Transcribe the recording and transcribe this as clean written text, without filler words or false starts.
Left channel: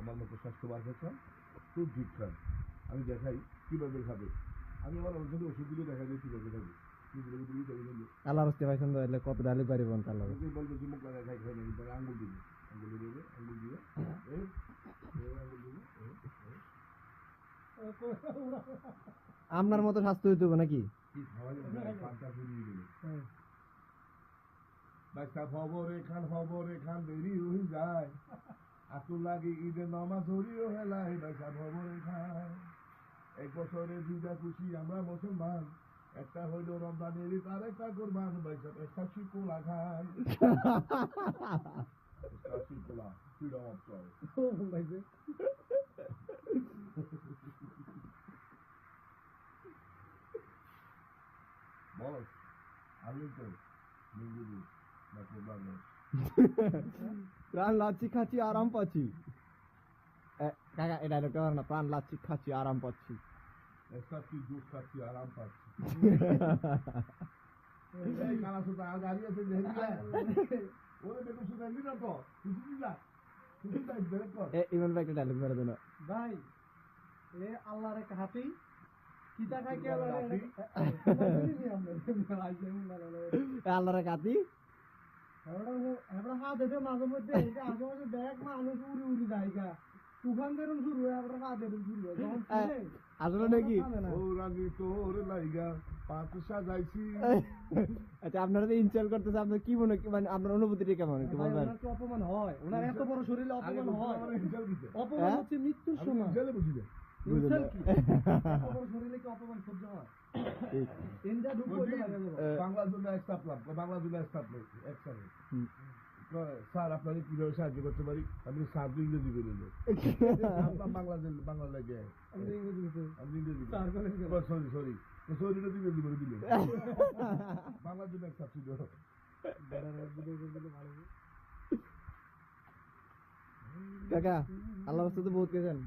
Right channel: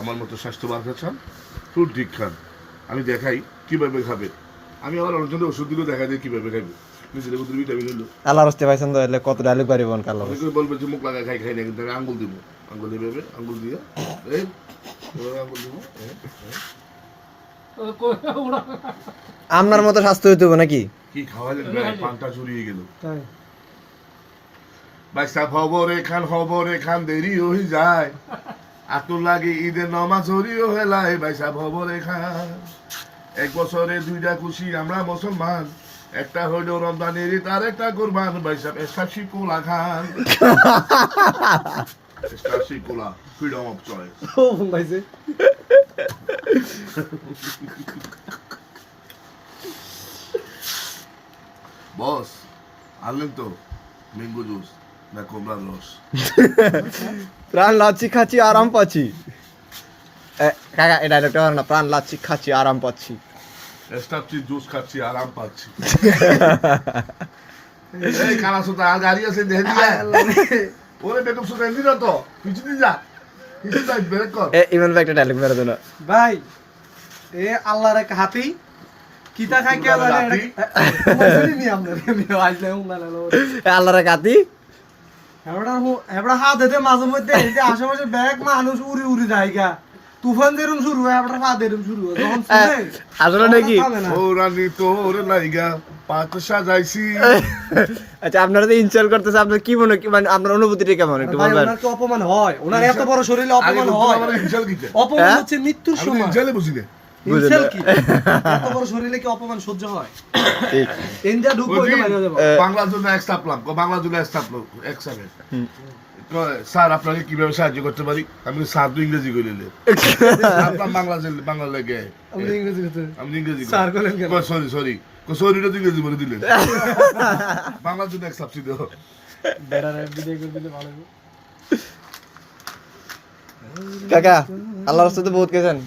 আমার মতো স্বাস্থ্যবান খান, ফ্রুট ঠিক খান। আমি দেখাই কিভাবে খাবে। আমি আমার অনেকজনের ওষুধ দিলেও দেখা যায় কিভাবে খাবে। নিজের মধ্যে ভিটামিন হলো আল্লাহর রাস্তে পাইছেন তো এলে কত ডায়লগ পারিবন কালো অনেকে বলবে যে মুখ লাগায় খাই খাই না, কিন্তু আমি আঙ্গুল দিব, আঙ্গুল দিবে, আঙ্গুল দিয়ে এই আঙ্গুল দিব। আপনার মতো স্বাস্থ্য হইতে হবে নাকি? কি খাওয়ালেন ভাই, পানটা চুরিয়ে গেল। বাইসা খবরে খান দেরি হয়ে যায়, আতুর লাগে ঈদের নমাজ হরিও হেলায়। বাইসা খবরে খান, এক বছরে দুইটা খুশি আমরা মুসলমান, একটা হইল রমজানের ঈদ আর একটা কুরবান। বাইসা এস্টাশি কোলা খান, এস্টাশি কোলা, ফ্রিডম অফ চয়েস। ও ভাইছে বস আনলেন তো ম্যাঙ্গো জুস না কমলার রস? প্রাণ লাচ্ছি খাচ্ছি আরাম পাচ্ছি। কাকা এই ডায়লগটা বলো না, প্রাণ লাচ্ছি খাচ্ছি আরাম পাচ্ছি। এস্টাপচি জুস খাচ্ছি আরাম পাচ্ছি। এই কানা সুতা আর গাড়ি আছে দেখে দিয়া ওরে বেকআপ সুতা এমনি না তো পিছু দি যা, পিছু যাই ব্রেক কর। ইমন ভাই একটা ডায়লগ মেরে দেন। ভাই এ আল্লাহর এক হাতি কিতা খাই কে জানে হাতি? মজুরি নি আমরা আমি আইলে হুঙ্গা লালো আল্লাহর কাতি এবড়া হাত দে মাঝে মধ্যে এই যে আশেপাশে ব্যাগ মানুষ উড়ি উড়ি যায়গা, তুফান যেরকম শুরু হয় এবড়া হাত এরকম শুরু হয় যখন শুনে আসলে নাকি? ও রানী তোর লাইগা পাত সাজাইছি। আচ্ছা আপনারা তো ইনস্টল করতেছে, আপনার কি মনে মানে আপনার অনুভূতিটা কেমন একটু ভাই বলবেন? ওনার কি অপমান হয়? ওনার এত বড় শরীরে আগে অপমান বলতো হয়? আমার ইনশাল কিতে, অপমান হ্যাঁ? হচ্ছে মৃত্যুর আমি সময়। ইনশালে বুঝি না। ইনসাল কি? এত বড় শরীরে কি অপমান সহ্য হয়? ঠিক। ইন্ডিয়া ঢুকবো ওই এটা বাইরে যাবো। বাংলার জন্য এক স্টাপলাম, বাংলার জন্য এক স্টাপলাম এক সেকেন্ড। স্যার আপনাকে কিভাবে সাহায্য করতে পারি? আমি স্যার তো ইংরেজি কইলে আপনার বাংলা লাগে আমরা ইংরেজি কথা আমি ইংরেজি স্যার বলেন কেন? সরি সরি সরিটা তো ইংরেজি বলে দিলেন। বাংলার জন্য এক সাবসিডি দাও। বেড়ার ভিডিও করে দিলে ভালো হবে। কাকা আল্লাহর রাস্তাতে বহুত গেছেন।